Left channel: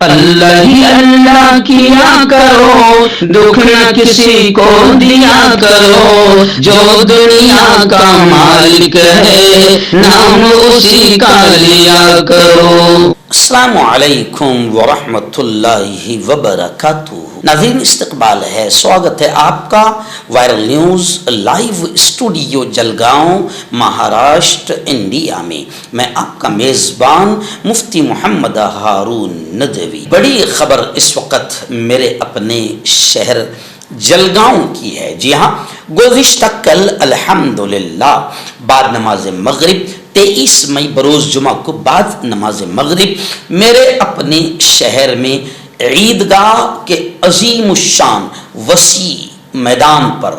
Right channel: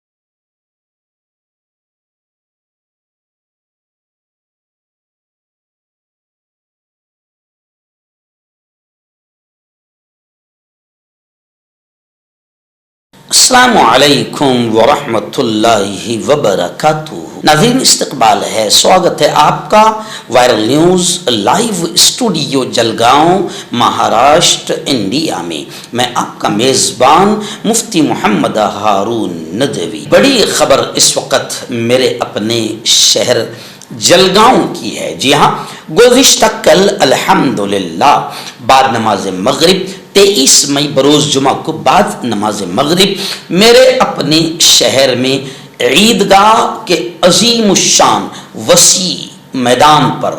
اللہ ہی اللہ کیا کرو، دکھ نہ کسی کو دیا کرو، جو دنیا کا مالک ہے نام اسی کا لیا کرو۔ السلام علیکم ورحمۃ اللہ وبرکاتہ۔ ناظرین، استقبال ہے، سواگت ہے آپ کا viral news live studio Jalgaon, Maharashtra, India میں۔ میں آپ کا میزبان مفتی محمد ہارون ندوی۔ بڑی خبر اس وقت میرے اپنے شہر جلگاؤں کی ہے۔ جی ہاں، گزشتہ کل الحمدللہ بعد نماز مغرب 23 مئی بروز جمعہ کو بعد نماز مغرب میرے اپنے شہر میں عیدگاہ کے عظیم الشان وسیع میدان پر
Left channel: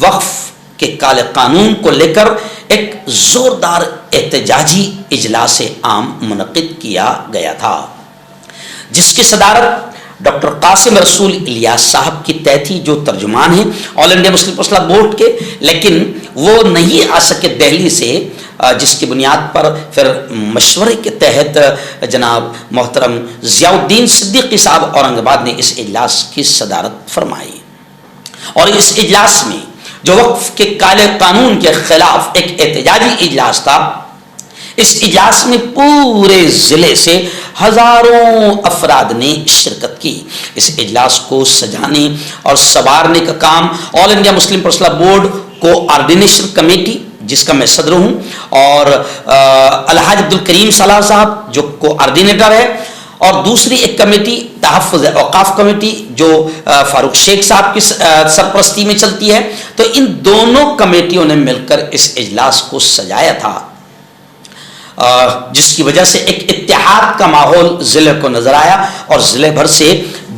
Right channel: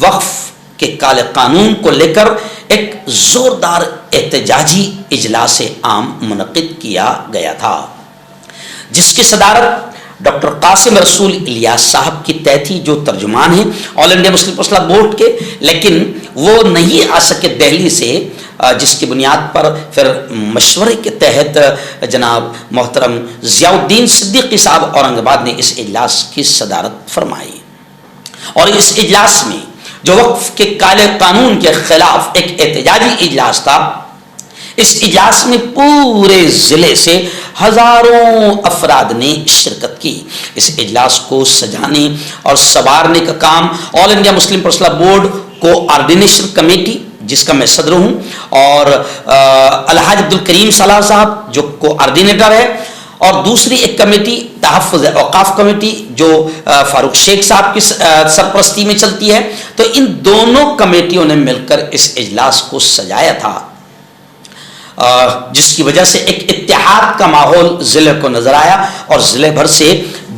وقف کے کالے قانون کو لے کر ایک زوردار احتجاجی اجلاس عام منعقد کیا گیا تھا، جس کی صدارت ڈاکٹر قاسم رسول الیاس صاحب کی طے تھی، جو ترجمان ہیں آل انڈیا مسلم پرسنل لا بورڈ کے، لیکن وہ نہیں آ سکے دہلی سے، جس کی بنیاد پر پھر مشورے کے تحت جناب محترم ضیاء الدین صدیقی صاحب اورنگ آباد نے اس اجلاس کی صدارت فرمائی۔ اور اس اجلاس میں جو وقف کے کالے قانون کے خلاف ایک احتجاجی اجلاس تھا، اس اجلاس میں پورے ضلع سے ہزاروں افراد نے شرکت کی۔ اس اجلاس کو سجانے اور سنوارنے کا کام آل انڈیا مسلم پرسنل لا بورڈ کو آرڈینیشن کمیٹی، جس کا میں صدر ہوں، اور الحاج عبدالکریم صلاح صاحب جو کو آرڈینیٹر ہے، اور دوسری ایک کمیٹی تحفظ اوقاف کمیٹی جو فاروق شیخ صاحب کی سرپرستی میں چلتی ہے، تو ان دونوں کمیٹیوں نے مل کر اس اجلاس کو سجایا تھا، جس کی وجہ سے ایک اتحاد کا ماحول ضلع کو نظر آیا، اور ضلع بھر سے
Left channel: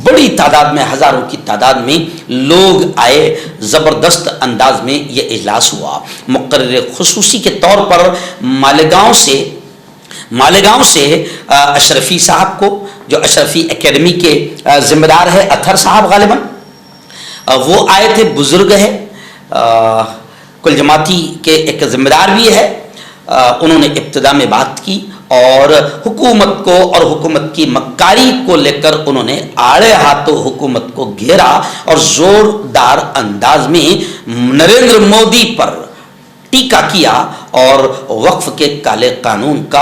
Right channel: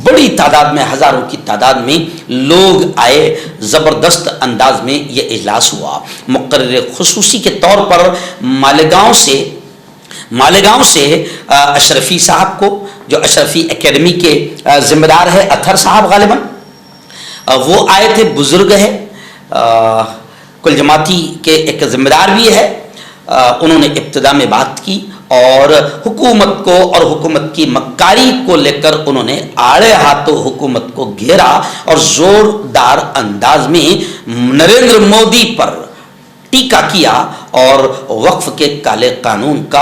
بڑی تعداد میں، ہزاروں کی تعداد میں لوگ آئے۔ زبردست انداز میں یہ اجلاس ہوا۔ مقرر خصوصی کے طور پر مالیگاؤں سے اشرفی صاحب کو، جو اشرفی اکیڈمی کے ذمہ دار ہے، اطہر صاحب غالباً وہ آئے تھے، بزرگ ہے، کل جماعتی کے ایک ذمہ دار بھی ہے۔ انہوں نے ابتدا میں بات کی اور حکومت کو اور حکومت کی مکاری کو لے کر انہوں نے آڑے ہاتھوں حکومت کو گھیرا، اور زوردار انداز میں نریندر مودی پر ٹیکا کیا، اور وقف کے کالے قانون کا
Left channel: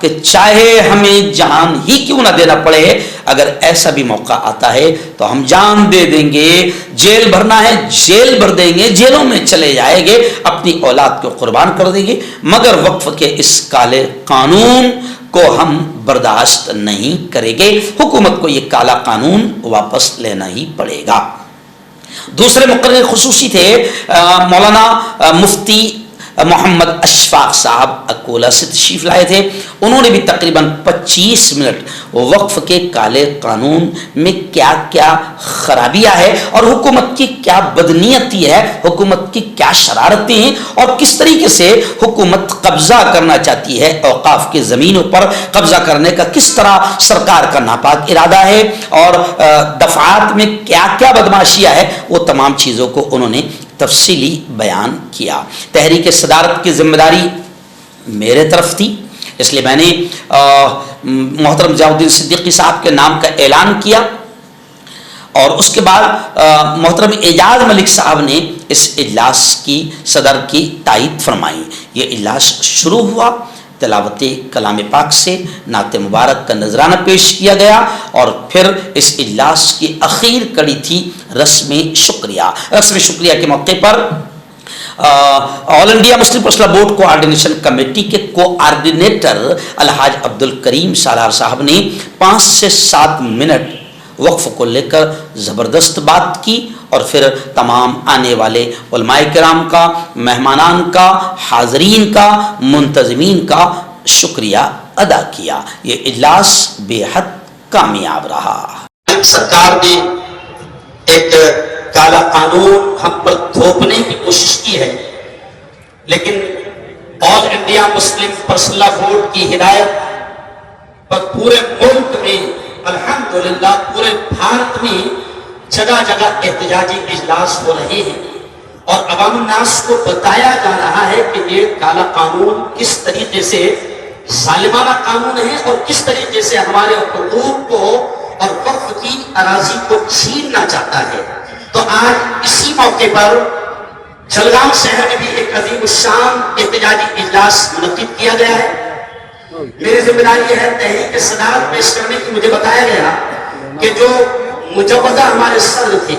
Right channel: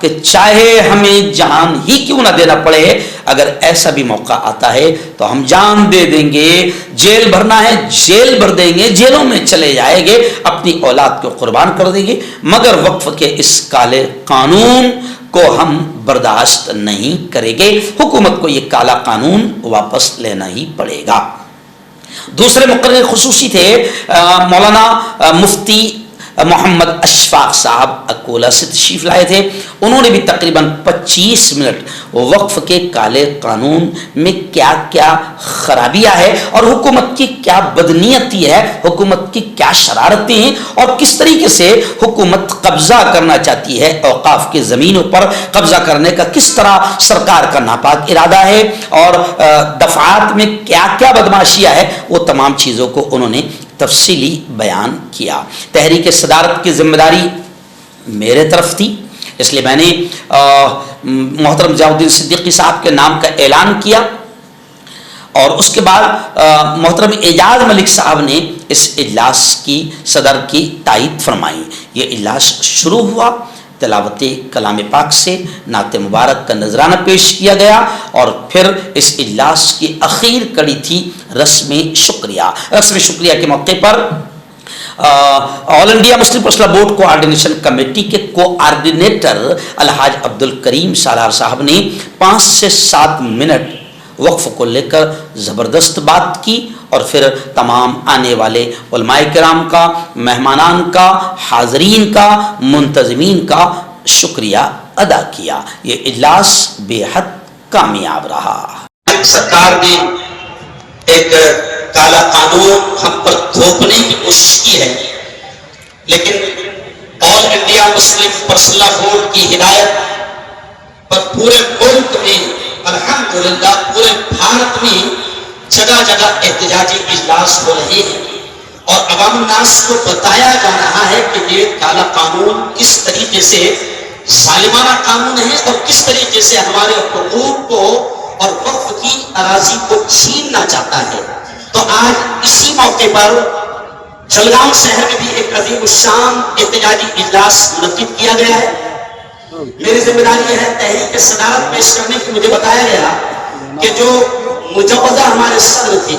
کہ چاہے ہمیں جان ہی کیوں نہ دینا پڑے، اگر ایسا بھی موقع آتا ہے تو ہم جان دے دیں گے، جیل بھرنا ہے جیل بھر دیں گے، جیلوں میں چلے جائیں گے، اپنی اولاد کو قربان کر دیں گے، مگر وقف کے اس کالے قانون کو ہم برداشت نہیں کریں گے، حکومت کو یہ کالا قانون واپس لینا ہی پڑے گا۔ دوسرے مقرر خصوصی تھے مولانا مفتی محمد اشفاق صاحب، اکولہ سے تشریف لائے تھے۔ انہوں نے بھی تقریباً 25 منٹ وقف کے کالے قانون میں کیا کیا خرابیاں ہے، اور حکومت کی کیا بدنیتی ہے، حکومت کی کیا شرارتیں ہیں، اور کس طریقے سے حکومت قبضہ کرنا چاہتی ہے اوقاف کی زمینوں پر، قبضہ کرنے کا کس طرح سرکار کا ناپاک ارادہ ہے، اور دفعات میں کیا کیا بدماشیاں ہے، وہ تمام چیزوں کو انہوں نے تفصیلی بیان کیا۔ تحریک صدارت کی ذمہ داری میرے طرف تھی، اس لیے میں نے محترم ضیاء الدین صدیقی صاحب کے نام کا اعلان کیا، اور اس کے بعد محترم اعجاز ملک صاحب نے اس اجلاس کی صدر کی تائید فرمائی۔ یہ اجلاس شروع ہوا، تلاوت کلام پاک سے نعت مبارک کا نذرانہ پیش کیا گیا، اور پھر اس اجلاس کی اخیر کڑی تھی رسم شکریہ۔ رسم شکریہ کے موقع پر آل انڈیا مسلم پرسنل لا بورڈ کو آرڈینیشن کمیٹی کے کو آرڈینیٹر الحاج عبدالکریم صلاح صاحب نے 5 سے 7 منٹ وقف کو لے کر زبردست بات کی، اور پھر تمام آنے والے علماء کرام کا، مہمانان کا، حاضرین کا، منتظمین کا شکریہ ادا کیا۔ یہ اجلاس بے حد کامیاب رہا۔ سرکار نے ایک کالا قانون ہم پر تھوپنے کی کوشش کی ہے، لیکن آل انڈیا مسلم پرسنل لا بورڈ کی ہدایت پر پورے ملک میں، الحمدللہ پورے بھارت میں جگہ جگہ احتجاجی اجلاس ہو رہے ہیں، اور عوام الناس کو بتایا جا رہا ہے کہ یہ کالا قانون کس طریقے سے ظالمانہ قانون ہے اور کس طریقے سے ہمارے حقوق کو اور وقف کی اراضی کو چھیننا چاہتا ہے. تو آج اسی موقع پر جلگاؤں شہر میں بھی ایک عظیم الشان احتجاجی اجلاس منعقد کیا گیا ہے. میری ذمہ داری یہ ہے تحریک صدارت پیش کرنے کی. مجھے بتایا گیا کہ جو مجوزہ ہمارے صدر تھے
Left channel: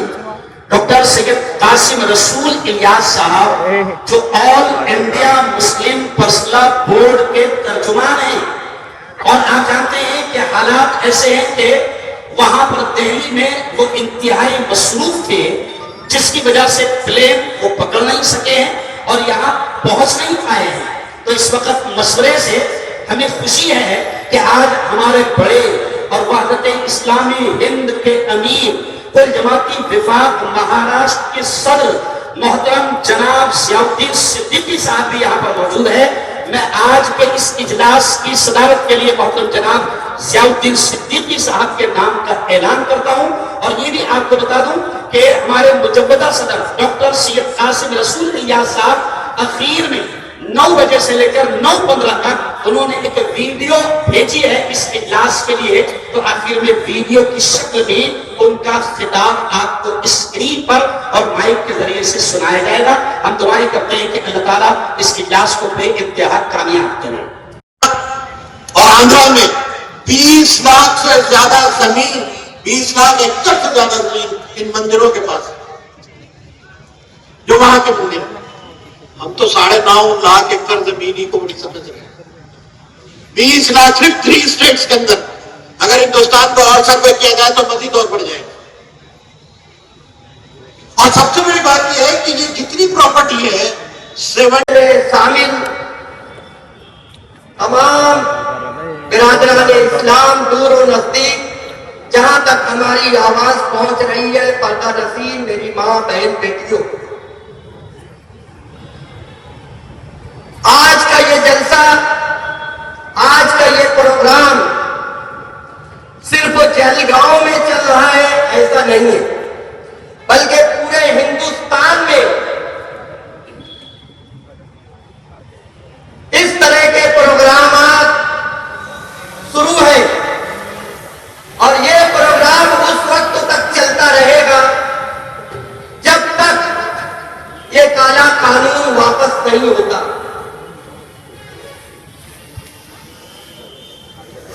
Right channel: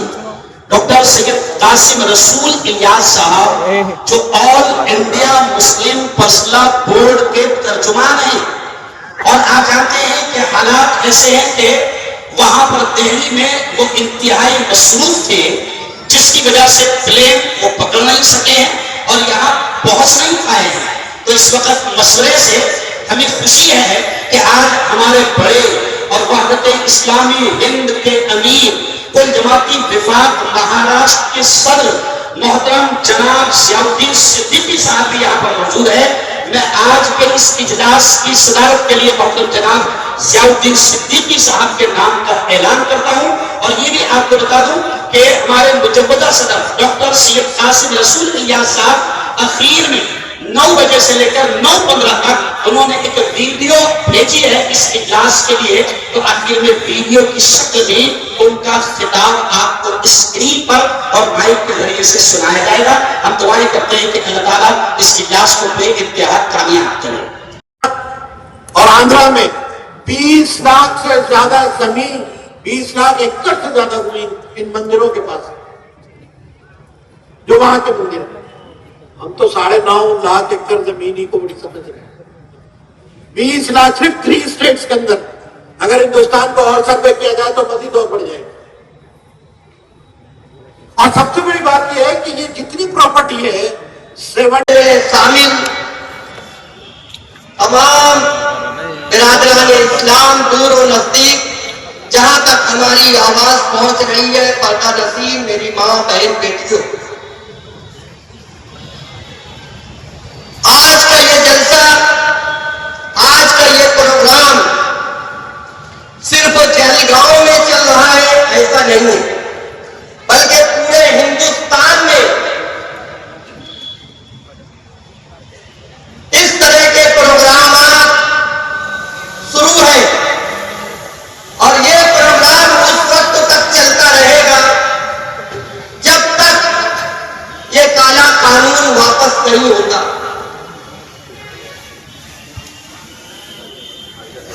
ڈاکٹر سید قاسم رسول الیاس صاحب جو آل انڈیا مسلم پرسنل بورڈ کے ترجمان ہیں، اور آپ جانتے ہیں کہ حالات ایسے ہیں کہ وہاں پر دہلی میں وہ انتہائی مصروف تھے جس کی وجہ سے پلین وہ پکڑ نہیں سکے ہیں اور یہاں پہنچ نہیں پائے ہیں. تو اس وقت مشورے سے ہمیں خوشی ہے کہ آج ہمارے بڑے اور وحدت اسلامی ہند کے امیر کل جماعتی وفاق مہاراشٹر کے صدر محترم جناب ضیاء الدین صدیقی صاحب بھی یہاں پر موجود ہے. میں آج کے اس اجلاس کی صدارت کے لیے محترم جناب ضیاء الدین صدیقی صاحب کے نام کا اعلان کرتا ہوں. اور یہ بھی آپ کو بتا دوں کہ ہمارے مجوزہ صدر ڈاکٹر سید قاسم رسول الیاس صاحب اخیر میں 9 بجے سے لے کر 9:15 تک انہوں نے ایک ویڈیو بھیجی ہے اس اجلاس کے لیے. تو آخر میں ویڈیو کی شکل میں ان کا خطاب آپ کو اسکرین پر اور مائک کے ذریعے سے سنایا جائے گا. ہم دعائیں کرتے ہیں کہ اللہ تعالیٰ اس اجلاس کو بے انتہا کامیاب کرے. اور آندھرا میں 20 لاکھ سے زیادہ زمین، 20 لاکھ ایکڑ سے زیادہ زمین ان مندروں کے پاس ہے جو وہاں کے مندر ہیں. ہم تو 9.5 لاکھ ایکڑ زمین ہی کو بڑی سمجھ رہے ہیں. 20 لاکھ صرف 3 اسٹیٹس کے اندر. اگر ہندوستان کو اور سروے کیا جائے تو مزید اور بڑھ جائے گا. اور سب سے بڑی بات یہ ہے کہ یہ جتنی پراپرٹی ہے شامل تمام برادران اسلام دور و نزدیک جہاں تک ہماری آواز پہنچ رہی ہے، پردہ نشین میری ماں بہن بیٹیوں، آج کا یہ جلسہ، آج کا یہ پروگرام صرف جلگاؤں میں چل رہا ہے ایسا نہیں ہے، بلکہ پورے ہندوستان میں اس طرح کے پروگرامات شروع ہیں. اور یہ پروگرام اس وقت تک چلتا رہے گا جب تک یہ کالا قانون واپس نہیں ہوتا.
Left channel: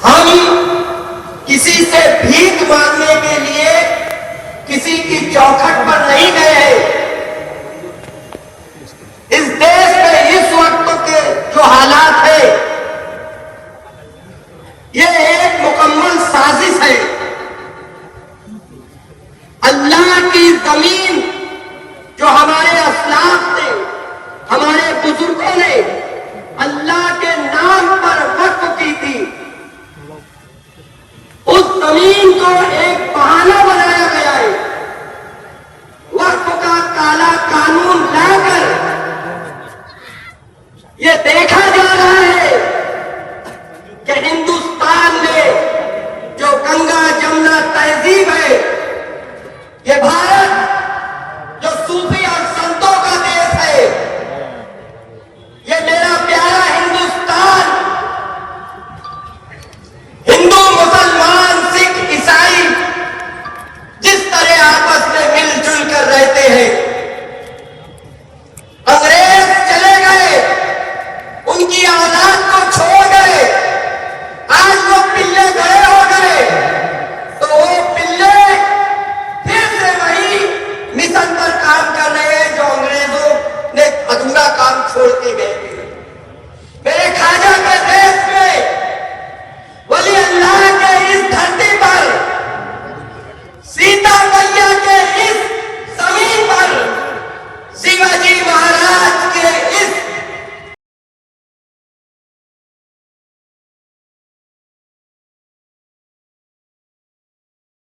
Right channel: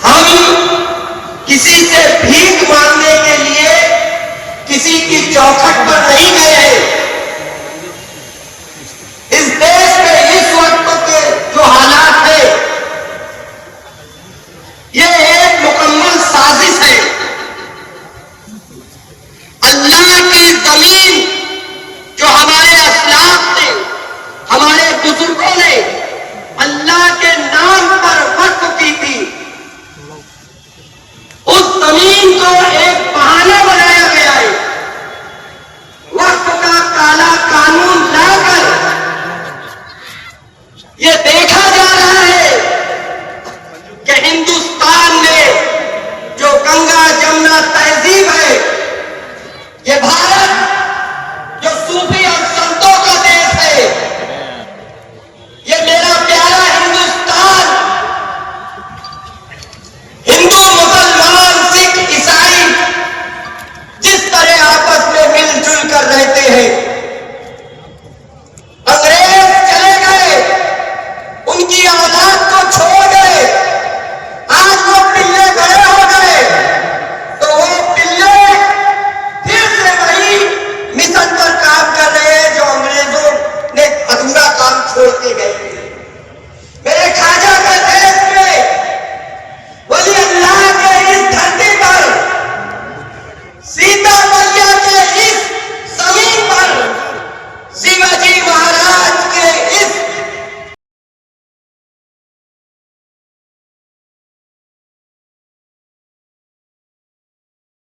ہم کسی سے بھیک مانگنے کے لیے کسی کی چوکھٹ پر نہیں گئے ہیں. اس دیش میں اس وقت کے جو حالات ہیں یہ ایک مکمل سازش ہے. اللہ کی زمین